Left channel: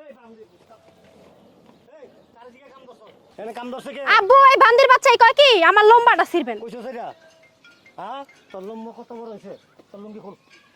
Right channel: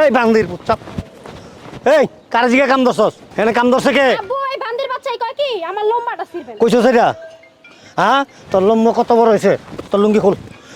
এই বান্দির চাপ এই কার জিগা কাম দছস এনে কাম দছে কে? আব্বু এই বান্দির বাচ্চাই কয় কি? আমার লম্বাটা ছিড়বেন। কইছো সেটা হ্যাঁ? তোর লম্বা কত বড় হয়েছে তোর লুঙ্গি খোল।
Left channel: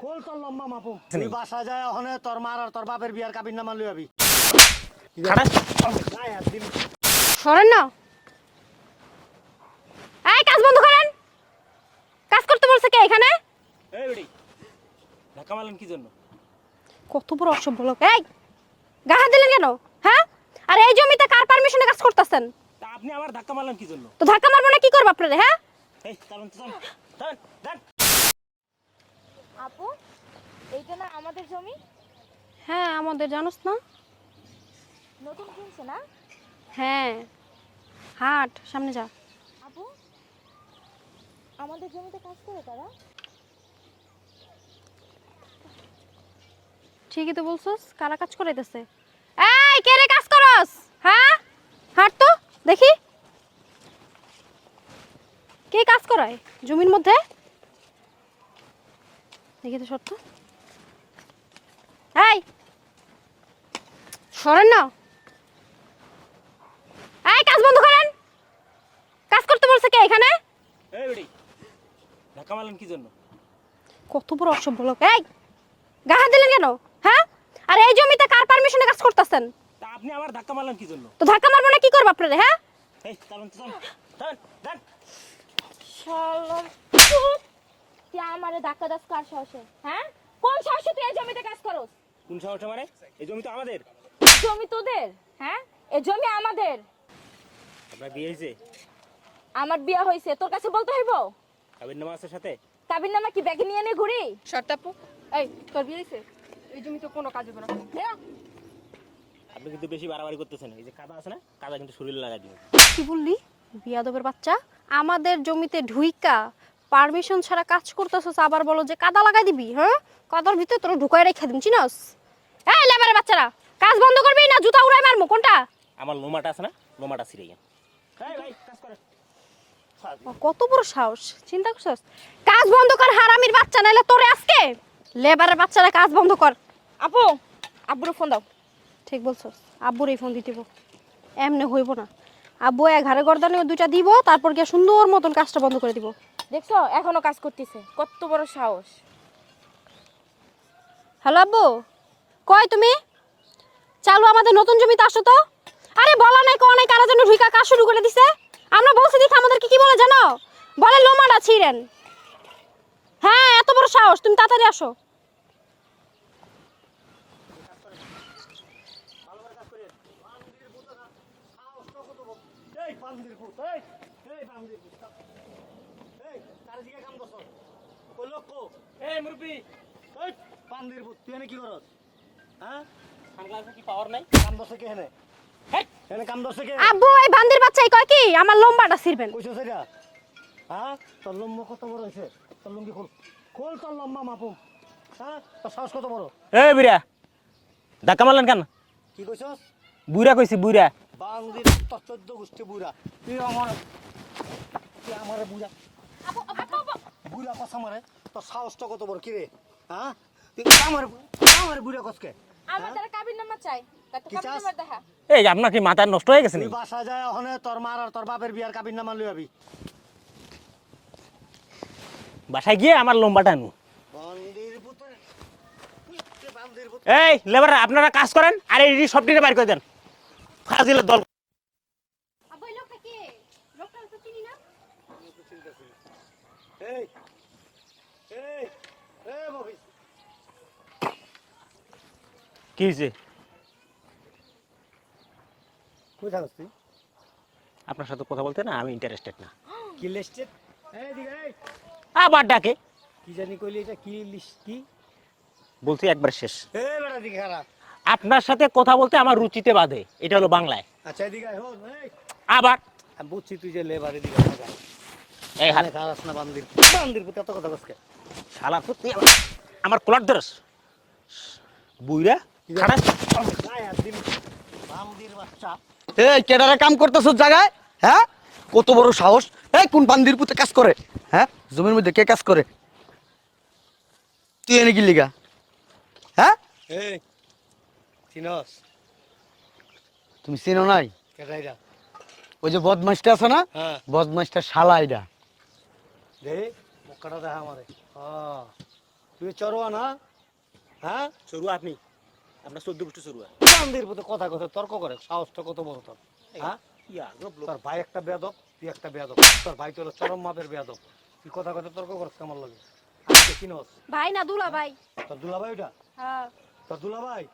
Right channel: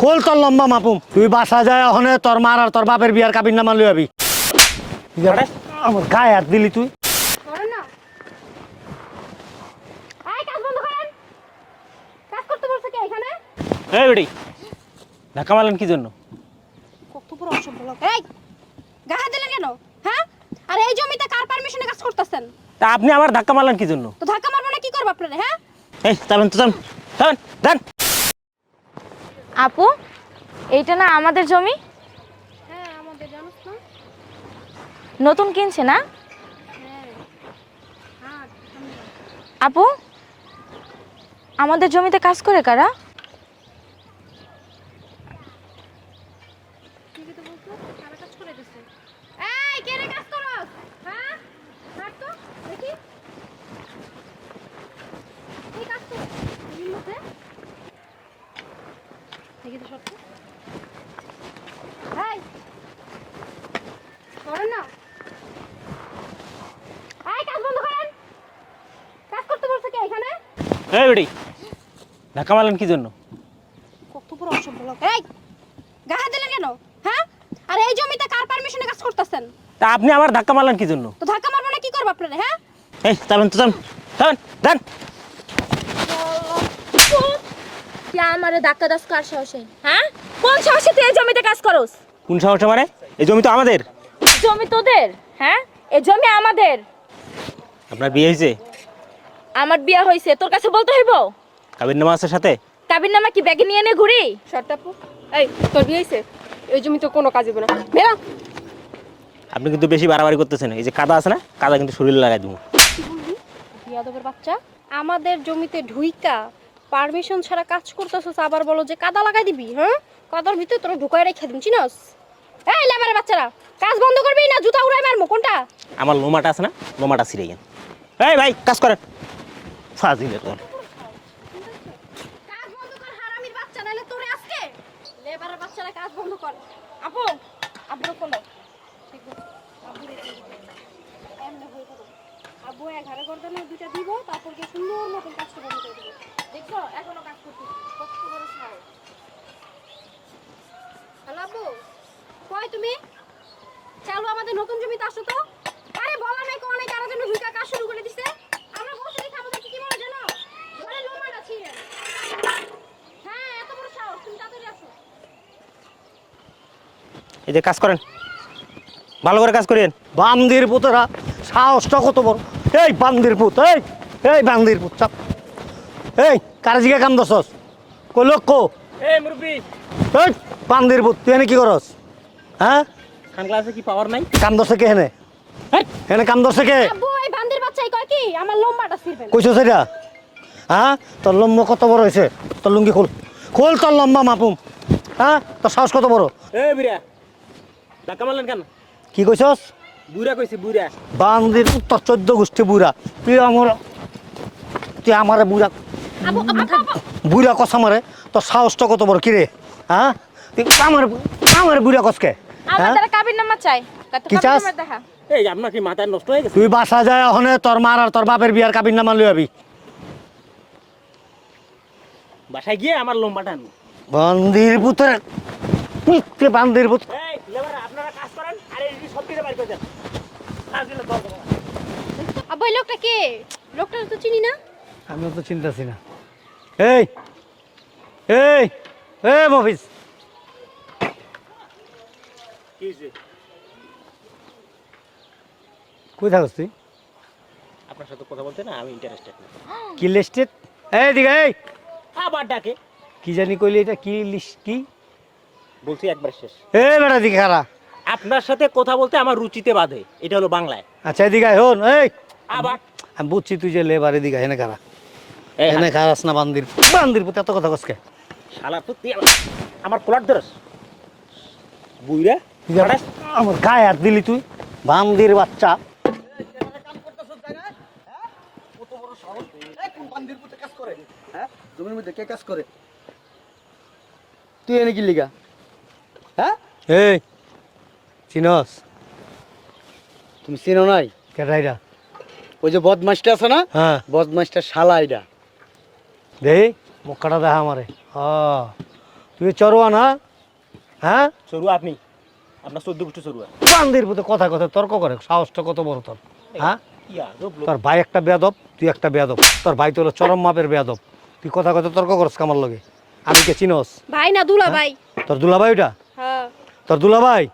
খোল তোর লম্বা মাপুম। তুই বাসা যায় ওখানে তোর মার আর তোর বাপের বিয়ার কাবিন নামা লই আবি। গায়ে হাত দিলি তুই। সরেন না। এই কাজ বন্ধ করেন। কাজ করতে বলছে কে এখানে? এই বেটি ধাক্কা মারলেন কি জন্য? কত বড় অসভ্য লোক। এই গা হাত দিলেন কেন? হ্যাঁ? আর এই জমিতে কার পারমিশনে কাজ করতেছেন? তা আপনি আমার ধাক্কা মারলেন কি জন্য? তো ধাক্কা মারবো না কি করব আপনারা হ্যাঁ? এই চাবেন তো চান চাবেন দেন। আপু এইটা না আমাদের জমি? হ্যাঁ আমাদের জানোস না? নতুন কিনছে না? হ্যাঁ। হাট সামনে যা আপু আমাদের জমিতে কাজ করে কারা? ঠিকই তো বলছস কারা কাজ করাইতেছে। এই কে রে কাজ করস? হ্যাঁ? হাট তো দেখি। কে কাজ করায়? জমির মধ্যে? দেখি তো সত্য এই! সরেন না। এই কাজ বন্ধ করেন। কাজ করতে বলছে কে এখানে? এই বেটি ধাক্কা মারলেন কি জন্য? কত বড় অসভ্য লোক। এই গা হাত দিলেন কেন? আর এই জমিতে কার পারমিশনে কাজ করতেছেন? তা আপনি আমার ধাক্কা মারলেন কি জন্য তো ধাক্কা মারবো না কি করব আপনারা হ্যাঁ? এই তো দেন আমারে ধাক্কা দাস কার সাহসে হ্যাঁ? কোন সাহসে তুই এই জমিতে কাজ করস? কোন সাহসে মানে? এই জমি তো আমাদের। জমি তোদের হ্যাঁ? এই জমি আমাদের। আপনার বিয়ে হয়েছে আমার বিয়ে হয়েছে তোর কাছে বলতে হইব? কাবির নামা আছে সাথে? কাবির নামা কি ব্যাগে নিয়ে নে ঘুরি শর্টাপু এই তোর বিয়ে হয়েছে এই জমি তো কোনো কাজ হবে না। বেরা আপনি কিন্তু বেশি বাড়াবাড়ি করতেছেন। এই যে কাদা আছে না কাদা কিন্তু শরীরে লাগাই দেবো। কি বললি? বিয়াদবের বাচ্চা আমাদের জমিতে ঢুইকা পারমিশন ছাড়া কাজ করতেছস আবার বলো যে কাদা লাগাই দিবি হ্যাঁ? কাদার ভিতরে তোরা ঢুকায় রেখে দিন চিনস? এই লেবারের বাচ্চারা কাজ বন্ধ করবি না জুতা উড়াই মারবো কোনটা? আমার লোমাটা আছে না লোমাটা ছিঁড়ে গেল এই ভাই কাজ করেন। ফাজিল কত বড় সাহস চিন্তা করছস? কাজ বন্ধ কর হারামির বাচ্চা নাইলে তোরে আজকে লেবারের বাচ্চারা কাজ বন্ধ কর। আপু আব্বুর ফোন দাও। ঠিক বলছো আব্বুর এই ফোন দিতে এমনি হইব না। আব্বু এক ঘাড়ে গর্দানে দুইটা দিব তারপর গিয়ে সুন্দর মতন কাজটা বন্ধ করে দিব। দেখছ এখনও কাজ করতেছে। কত বড় সাহস। হ্যালো আব্বু কয় তুমি? চালু আমাদের নতুন জমিতে আসো তো। আরে বলা নাই কোয়া নাই কারা যেন ঢুইকা কাজ শুরু করে দিছে। আমরা বলছি দেখে আমাদেরকে কি বলে জানো? বলে লোমাটা ছিঁড়েন। হ্যাঁ এত বড় সাহস তুমি তাড়াতাড়ি আসো। এই যে কাজ করেন। ভালো করে কাজ করেন বান্দির পুতেরা সাহসটা কত বড়। এই বান্দির পুত এই এই বান্দির পুত চাপ। এই কার জিগা কাম দছস কই লোক কো? এই মুরব্বি। এই বান্দির পুত তুই এনে কি করস? হ্যাঁ? খান ক্লাসে কি পাওয়ার নাই? কাম দছে কে হেনে হেই, এনে কাম দছে কে? আব্বু এই বান্দির বাচ্চাই কয় কি? আমার লম্বাটা ছিড়বেন। কইছো সেটা হ্যাঁ? তোর লম্বা কত বড় হয়েছে তোর লুঙ্গি খোল। খোল তোর লম্বা মাপুম। হ্যাঁ? তোর সাহস কত বড়? এই বুড়া ধাক্কা মারলেন কেন? কি কইছস? বুড়া কইছি বুড়া বান্দির পুত তোর চোদ্দ গোষ্ঠী বুড়া তুই আমার তুই আমারে বুড়া। বুড়া কষা মারে তোর সাহসটা কত বড় কিরে হ্যাঁ? তুই আমার আমার বুড়া কষকে হ্যাঁ? কাবির নামা চাই। কি চাস? এই আপনার কি মাথা নষ্ট হয়ে গেছে? তুই বাসা যায় ওখানে তোর মার আর তোর বাপের বিয়ার কাবিন নামা লই আবি। বাসায় গিয়ে আমার লম্বাটা আনু। বান্দির পুতের বান্দির পুত এই লেবার আপনারা কাজ করেন আর এই সব দিনে বাইর করে দেন। ফাজিলের দল। আব্বু এই লোকটা কে? লোকটা তো চিনি না। আমিও তো চিন্তাছি না। এই এই এ মফিস কি হয়েছে কই থাকস তুই? আপনার সাথে কথা বলতে না আমি ইন্টারেস্টেড না। কি লিস্টেড? এই দিঘা এই আবার ডাকে। কি জানি কইলি এটা কি লিস্ট কি? বলছি একবার শেষ। এ বেটা দিঘা খারা আপনার সাথে কথা বলতে আমার রুচিতে বাধে। এটা হলো বাংলায়। আচ্ছা এদিকে আয়, হন এই। আবার? আমি বুঝছি তুই যে লেবার এদিকে এনে খারা এই এনে খারাস না বান্দির। বান্দির পুত এত কথা কসকে শালা তুই আমার কলার ধরস। বুইরা খারাপ আমার গায়ে হাত দিলি তুই। বান্দির বাচ্চা। এই কেডারে কাম করতেছ জায়গায়? হ্যাঁ? কত বড় সাহস। এই কোন বান্দির পুতে কাজ করে? হ্যাঁ? জমির মধ্যে কে কাজ করে? তুই এনে কি লিগা? হ্যাঁ এই চিনস। তুমি চিনো নাই? কেটাইরা ওই যে বদমাসটা আছে না? হ্যাঁ। বদমাসটা শালা এটা। দেই মক্কাটা দেখা আমারে। হ্যাঁ তুই চরোয়া না? হ্যাঁ? চড়ুয়া আপনি। আপনার চোদ্দ গোষ্ঠী চড়ুয়া। বান্দির পুতে কথা কথা তর্ক করে সাহসটা কত বড় তোর? হ্যাঁ। তোর ভাই একটা বেয়াদব তুই একটা বেয়াদব। তোর ভাই তো হলো চরম মাপের বেয়াদব। তুই কথা কথা তর্ক করস কামার লগে। আমি কে চিনস? ভাই না দুলা ভাই তোর দুলা ভাই ওটা তোর দুলাভাই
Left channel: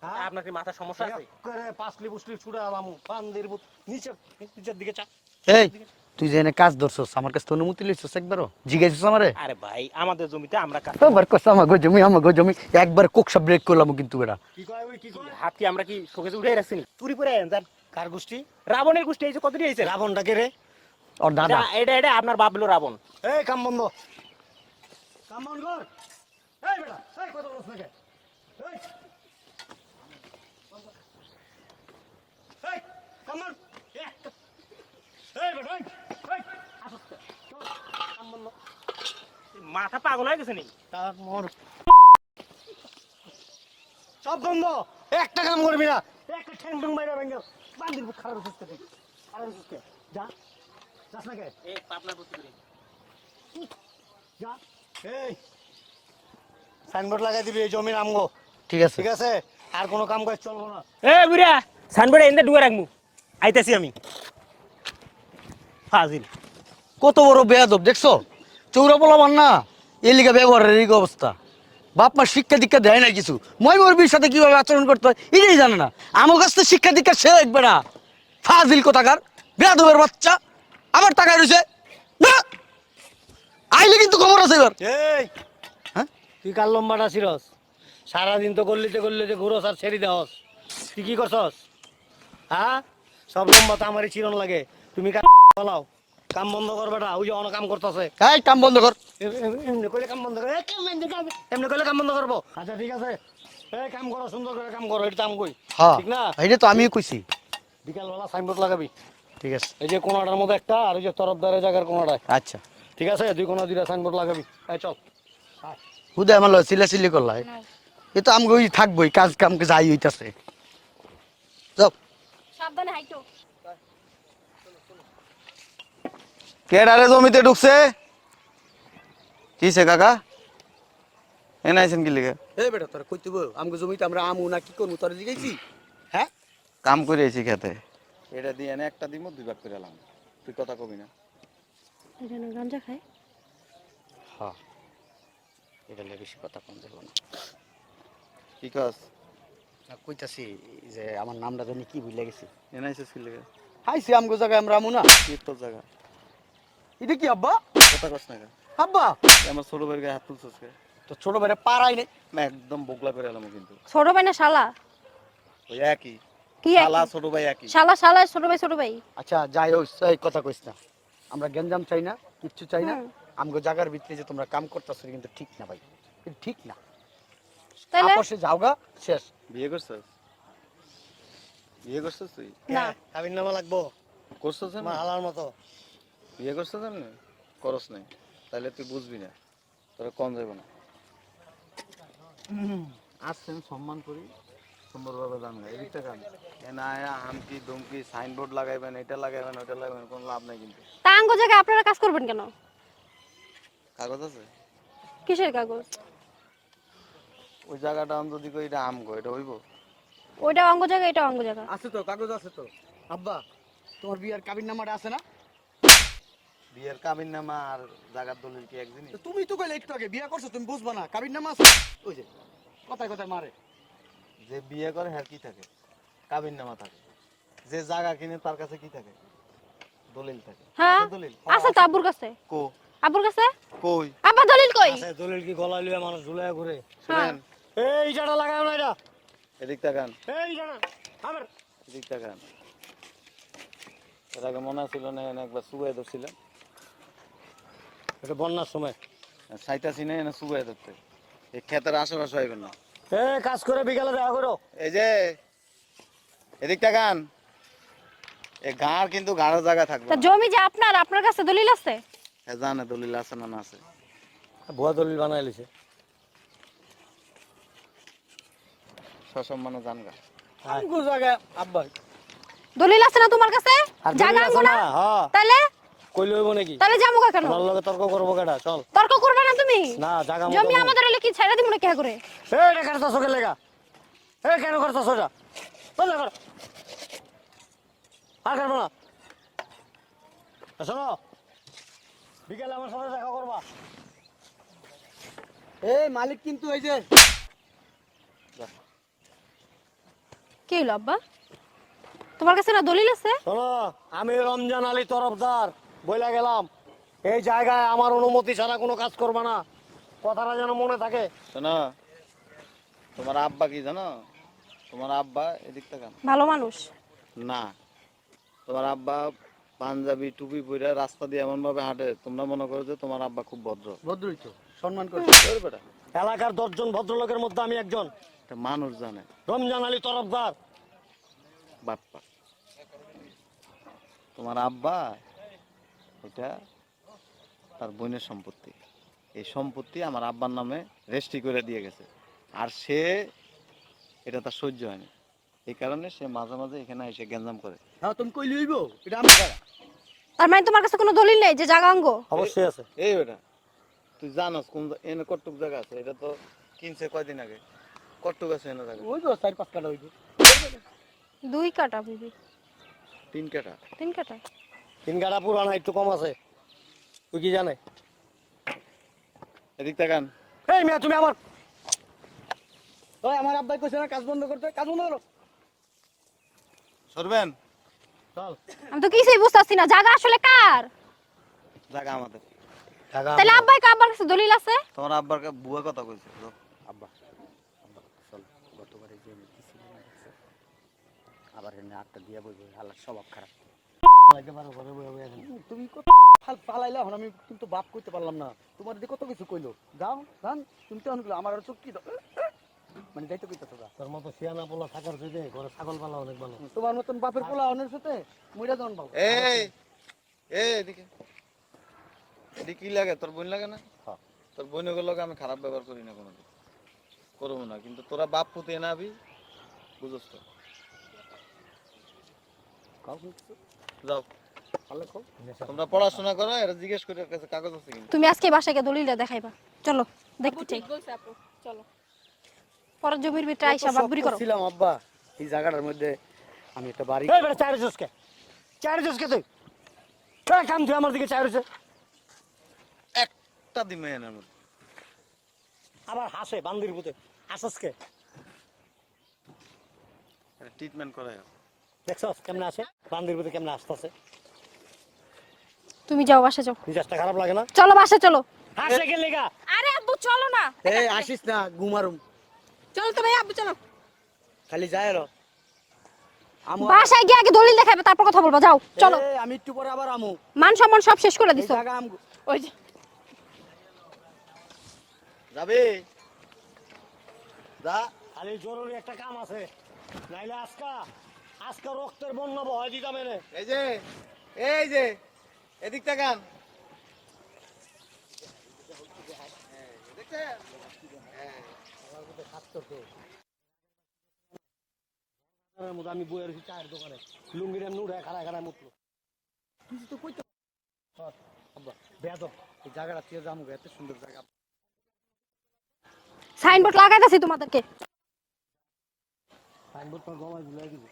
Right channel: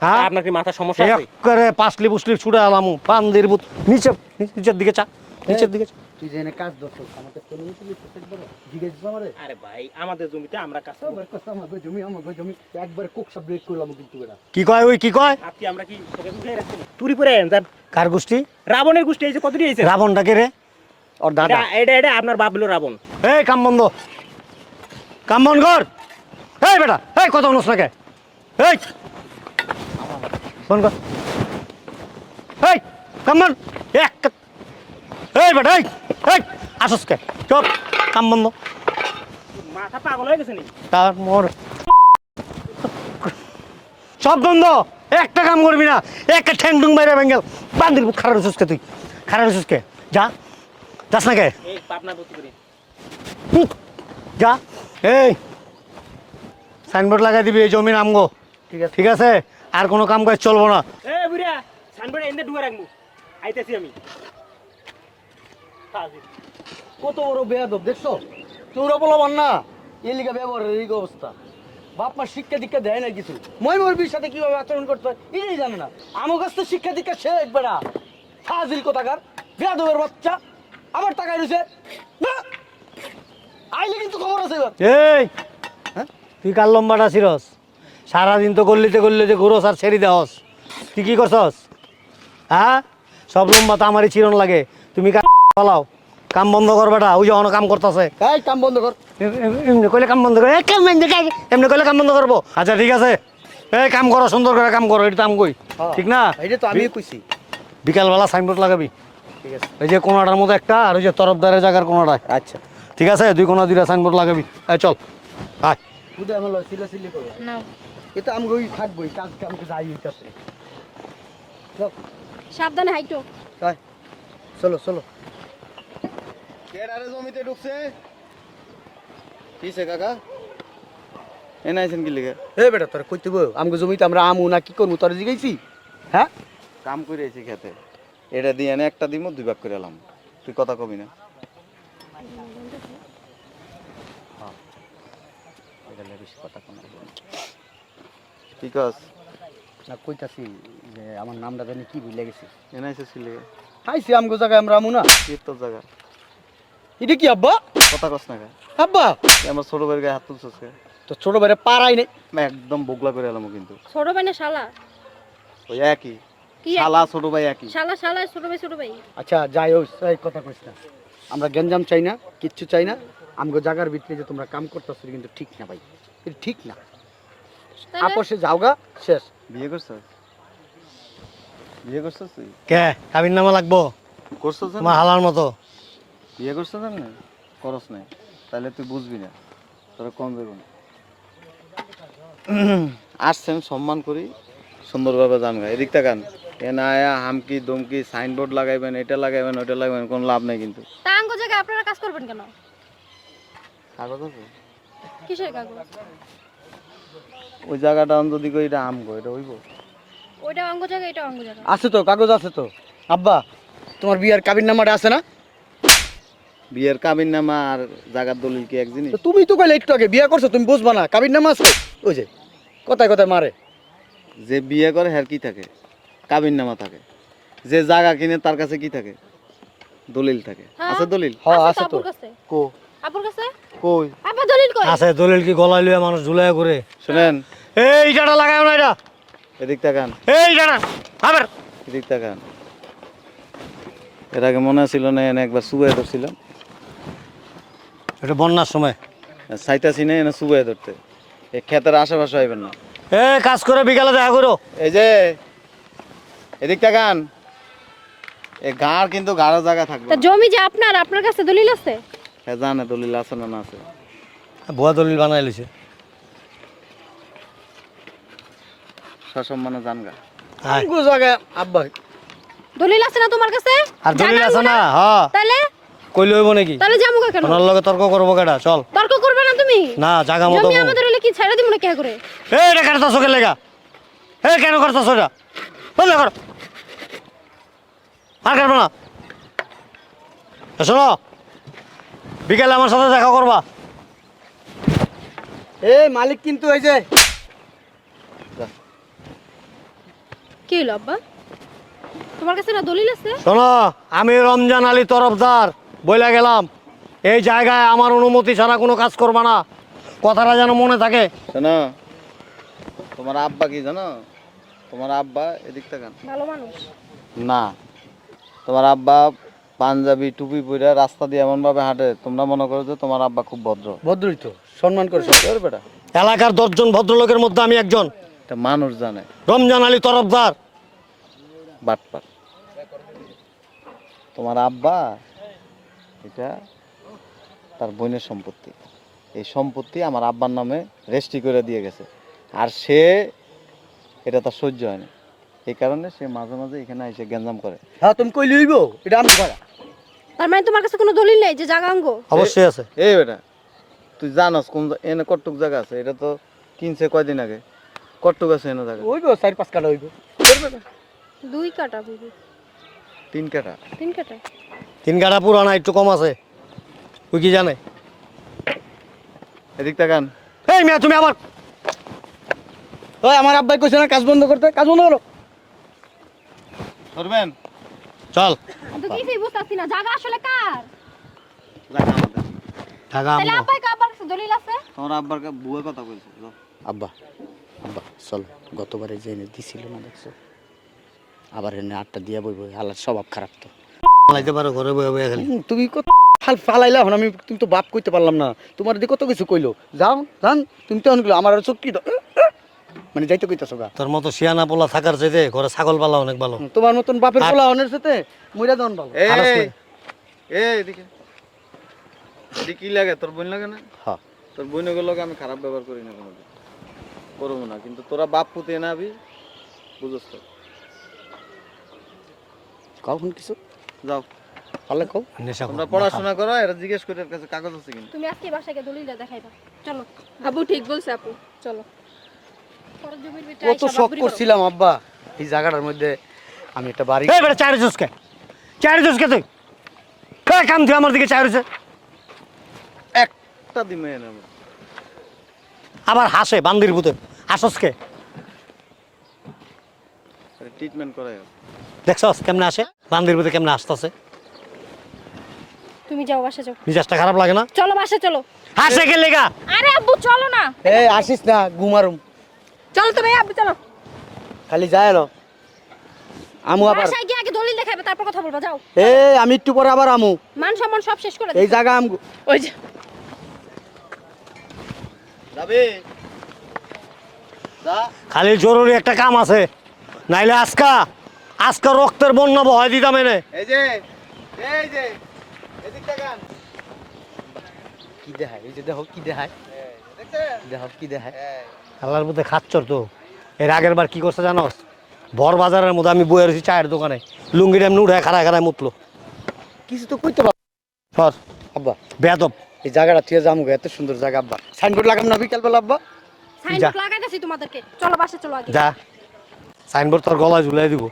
হ্যাঁ? আপনার কি মাথা সমস্যা আছে? করে পাঁচলি পুসলি ছুটে আলাম বান্দির পুত নিচে নিচের দিকে চা নিচের দিকে চা। তুই এনে কাজ ধরছস আমার কাছে অনুমতি লইছস একবারও। জিজ্ঞাসিস আমারে? আরে ভাই আমাদের জমিতে আমরা কাজ একবার কস আমাকে জমি আমাকে জমি। একবার কোকসা ব্রেক করলাম কিন্তু এটা কি কয় ওই কি কয়? হাত আমরা কি তোকে উঠে রাখছি? চুরি করে জান কার গোষ্ঠী? রাবণের গোষ্ঠী এই যে কত দিয়েছে রাবণটা কে রে? ওর দাদা। এটা এটা আপনার বাপ হলো রাবণ। এই কাম বন্ধ। কাম বন্ধ কর। এই বেটা এই কথা অনুস নাকি এই ফোন কর। এই কাম বন্ধ। এক এই বেটা এই এই আসস কে? চপ কাম বন্ধ। মাথা পাগল হয়ে গেছে নি তার মোর সব বন্ধ। একটা কাম করবি না। একটা ঠ্যাং টুং বাইরে বেঙ্গেল বান্দির খারাপ সুসকে তুই? খারাপ সুসকে যা। যাস না কে? যা। এই সাইনবোর্ড লাগাই দিবি এই জমির আমগো। ঠিক আছে। ঠিক আছে? আর কোনো কাম কাজ চলবো না। এ বুড়া সানবেড়ে এনে ডুবে রাখমু আইতাছি আমি। ফাজিল কত বড় বেয়াদব দেখছ? চৌরা বলবান না। এলিকা ব্যবহারের এই অবস্থা। বাপ মা শিক্ষা দীক্ষা দেয় না কিছু। মই মুরবির সাথে কীভাবে আচরণ করতে হয় এটাই জানে না। আমার কাছ থেকে শিক্ষা দীক্ষা সে দেখবে না। ফাজিল কোথাকার? বেয়াদবের বাচ্চা। আবার টাকা রয়েছে। না! আইলে কিন্তু খবর আছে এবার। এই তুই কার লম্বাটা ছিরস সারাদিন তো গল্লিতে গল্লিতে ঘুরোস আর ছেড়ে দেওস তুই কি করছস? হ্যাঁ? সব লম্বা তো আমারই চিরন লাগে। তুমি কাম পালাও। কাম বন্ধ কর বেটা ওই যে অন কাম করতেছে। এই কাম বন্ধ কর। এমনি কইলে কাম বন্ধ করে। এই কাম বন্ধ করে। এমনি কইলে কাম বন্ধ করব। আচ্ছা ঠিক আছে। এই কাম করো সুন্দর করে কাম করো এটা তো আমি কই ঠিক না? এটা তো আমি কইছি। বিকালবেলা সাইনবোর্ড লাগাবি। ঠিক আছে। এই যে কোনাটার মধ্যে একটা আর ওই যে তরফদারের জায়গার কোনাটা আচ্ছা। ঠিক আছে? দুই কোনা দুইটা সাইনবোর্ড লাগাবি। এই চল। আয়। হুদে আমার সিলা সিলি করলাই এ তো আমি ওই থাকবোই কাজ কামকে যাই হইতাছে। যাও। সাবধানে হাইটো। যাই। চলো চলো। কেডারে জমিতে ঢুকছে? কিসে কাকা। এনে আইছেন কি লিগে? এ বেটা তোর কইতে বউ আমগো জমিতে আমরা আমু না কি করব তোর জিগাইছি? হ্যাঁ? কাম করে আইছি খেতে। এটা দিয়ে এনে একটা দিমু দুই ভাগ করে এলাম। তুই কথা কবি না। তুই কাজ না কইতাছি যে আমার নামটা জানি কি ভুলে গেছি। এনে আইছিস কি লিগে? আইছি আমগো জায়গায় আমরা আমু না কি তোর জায়গা। এটা কি আব্বা? কথা কস না কে? আব্বা? আমার ছোট ভাইয়ের গায়ে হাত তুলছিস তো ছোট বাইরে পারাই নেই না একদম বগলা করে এলাম কিন্তু। ছোট ভাই না শালা? ওই একই। কি শালা ছোট ভাই একই। শালা শালা ছোট ভাই ছোট ভাই। আচ্ছা যাই হোক এই কথা কইস না। আমরা গেঞ্জাম চাই না কিচ্ছু চাই না। আমগো জায়গার ভিতরে যে তোমরা কাম করতেছো কিন্তু ঠিক না ভাই। এটা ঠিক না। আপোষে যাওগা শেষ। বিয়ে করছিস বিয়ে করছিস তুই? কে? কাবির নামা লাগবো? করছিস তোমার হালার মতো। বিয়ে করছিস না? করস না তাহলে তুই বুঝবি না। তোরা কম যাইব না। আসছেন সম্মান করি। সুন্দরভাবে জান গা এদিক তাকান এ না আয়া হামকি দমকি সাইনবোর্ড লাগাইবেন এটা লাগাইবেন ওটা লাগাইবেন কোনো লাভ নাই কিন্তু। টাঙ্গো জায়গায় আপনারা কাজ করবেন কেন? কাগজ আছে? কিসের কাগজ? ওই জায়গাটা আমি যদি কই এটা আমগো এটা হইব? ওইটা অঙ্গ জায়গা এটা অঙ্গ জায়গা। আছে তো কাগজ আছে তো। আব্বা তোমার বিয়ার কাবির নামাটা আছে না? বিয়ের কাবিন নামা আর জাগার দলিল কি এক জিনিস? তো তুমি তো কইলে একটু আগে বিয়া করছ তুমি বুঝবা না কাবির নামা আছে? ওই যে কথায় কথায় মারে। যে বিয়ে করে হ্যার কি থাকে? কাবিন নামা থাকে। যে জায়গা কিনে তার কাছে কি থাকে? দলিল থাকে। হ্যাঁ। আছে দলিল? হ্যাঁ, আছে। আব্বুর কাছে। কো আব্বুর কাছে? কই? আব্বা দলিল কই? আছে দলিল কি গলায় লইয়া মানুষ ঝুলাইয়া করে শুনেন এই ইটাটা লাগাও না এটা। এদিক তাকান। এই ইটাটা আবার। এদিক তাকান। এর আগে মনে ছিল না এনে একবার সুবাই ধরছিলাম। এটা বন্যার সময়। সাইতাছি না এনে সুবাই ধরতে। এই ক্ষেতের আশেপাশে হইবেন না। এ কাজ করে বিকালে দেখা করো। এই যে এদিক তাকান। গাঁর কিন্তু গাঢ় জায়গা থাকবে তা জমি যে আপনার আপনার কাছে দলিল আছে? হ্যাঁ জানে দলিল আছে না না আছে। ভুয়া দলিল বানাই লইছে সসম্মানে জানগা। আমগো জায়গায় আব্বা দলিল আছে না তোমার কাছে? আর দলিল আছে না? হ্যাঁ তাহলে? কইলে হইব নাকি? তাহলে যাব কেন? ওনার লগে তর্ক করব কেটা চল। তর্ক করবে না তুমি? না জাগা মতো জমি আমাদের হলে কি ছেড়ে না কে করে এই এটা কাটতাছ কে লেগা এই কেন এটা? কর। আর না। এ শোনো। বিকেলে আমার সাথে দেখা করবা। এই মালিক কিন্তু এই যে কি হলো আব্বা? তোমার কাছে না দলিল আছে? শোনো আমি রমজান আলী তরফদার বইলা গেলাম। এই জায়গায় আমার অনুমতি ছাড়া কোনো কাজ করবা না। কথাটা যেন মনে থাকে। শোনো তোমার আব্বা কি জানো? তোমার আব্বা এদিক তাকান। ভালো মানুষ। না তোমার আব্বা পাঞ্জাবি টুপি পরে রাস্তা দিয়ে এমন ভাবে হাঁটে তোমরা মনে করো যে তোমার আব্বা খুব ভদ্র। ভদ্রই তো সম্মান করছে। তোর বেটা। এলাকার দশজন ভদ্রলোকের মধ্যে আমি একজন। এটা মানুষ জানে। রমজান আলী তরফদার। বাটপাট তোমার আব্বা এটা তার বোনের সম্পত্তি। এই সম্পত্তি আমার আব্বার নামে রেজিস্ট্রি করে দিয়ে গেছে। আর সে এটা তার সহ্য হয় না এই কারণে সে মাঝে মাঝে এখানে এসে গ্যাঞ্জাম করে। হ্যাঁ তুমি কই লইব এটা আমি পারা তার মানে তোমার কাছে কোনো দলিল নেই যে জায়গা অঙ্গ অবশ্যই আছে। এই বেটা তুই জানাস কোন এনে কটুক জায়গা আছে? এটা তো কিনছে কয়দিন আগে। কটুক আছে এনে জায়গা হইব চার পাঁচ কাটা হইব। দুই কাটা বুঝি তিন কাটা? তিন কাটা। তিন গাড়া পুরানা একটু কম আছে। ওই কি জানে? এদিক তাকান। এই মেয়ে তুমি আবার ওই আমার আব্বাই কইছে না কাজ বন্ধ করতে। কাজ বন্ধ করো। করবেন চল। তো কিছুই বুঝতাছি না। জায়গা আসলে কার? জায়গা আমাদের। তাহলে আব্বাই আব্বার কাছে দলিল আছে? তোমার আব্বার কা- বুয়া কথা কইছে আব্বা। আব্বা চল গতবারে যে এনে দিছিল না দেখছ? আবার এনে আটটা দিয়া বইব স্বভাব খারাপ তো। পারো ঘরে বয়ে বয়ে খালি। তুমি কত ফাল ফালাইলা আমি তুমি তো বাপ কইতে পারলাম না। তোমার দিকে কত কিছু কইলো? যাও জান তুমি তো অনেকগুলো আমার আর চোখ মানে যাইতে কইতাছো গা। তোর মতো শিয়ানা পোলা থাকার চাইতে ঘরে ছাগল পালা অনেক ভালো। তোমার মতন বাপের পোলা সাথে মইরা দন ভালো। এই এই এদিকে। এদিকে কি লাগে? তোর বোন লাগে না? হ্যাঁ তোর বোনের লগে আমি খারাপ ব্যবহার করি না কোনোদিন। করব না কিন্তু তোরা বাপ পুতে না আবি বুঝস তো কখন কিছু? যাও। কও? তোমরা পড়াশোনা করো এরা জিজ্ঞেস করে এর কাছে কাগজ আছে কিনা। তুমি আজকে বাসায় গিয়ে দলিলটা দেখাইবা। চলো। ঠিক বলছে আপু। চলো। পরের জমির ভিতরে আইসা শখ বাবুরি করো। করছিলাম আব্বা। এই জায়গাটার মধ্যে আমি একটা বাড়ি এই বেটা চায়ের জুসকে চায়ের জুসকে তুই? কে কাম তুই আমার দিকে জুসে। একটা দিমে আমার আবার হাসে বান্দির ভূতে। হাসসকে ট্রিটমেন্ট করে দেখছস কেমনে আসে বান্দির ভূতে কেমনে আসতেছে তুমি যাও বাসা যাও। মিজাজটা খারাপ লাগে না? চলো বাসা চলো। হাসে কে লেগা? আরে আব্বু চলো না। এ আসিস না ঘুমারুম চলো তো ভাই আব্বু চলো। খালি যায় এলো। আমু আবার বাসায় গিয়ে আগে দলিল দেখাইবে তারপর কথা বলব যাও। এ আমি একটু পরে আবার আমু। মান সম্মান সব শেষ করে এই দিছো। জায়গা আম ওই যা খালি জরুরি একটা কাম আছে। নাইলে আজকা আজকা রক্তের বন্যা বহাই দিতাম এনে। এই যে এই যে এদিক তাকান কি দেখায়? এই যে দেখো কি দেখায়। দেখো কি দেখায়। আল্লাহর মধ্যে খাচ্ছর তো। এর আগের বার কি করছে জানোস? বর বাজারের মধ্যে আমি বয়ে রয়েছি চায়ের দোকানে। লুঙ্গিটা এমনি উঠে খাড়ায় খাড়ায় মুতলো। কিছু তো কইতে পারো। আব্বা। বেদব এই জায়গাটা থেকে যাব গো, এত সুন্দর জায়গা আব্বা। সাইনবোর্ড লাগাম না বিকাল বেলা আব্বা সাইনবোর্ড লাগাইতেছি তোমাদেরকে। চলো বাসা চলো আগে। যা। সাইনবোর্ড তোর গলায় ঝুলাই দিব।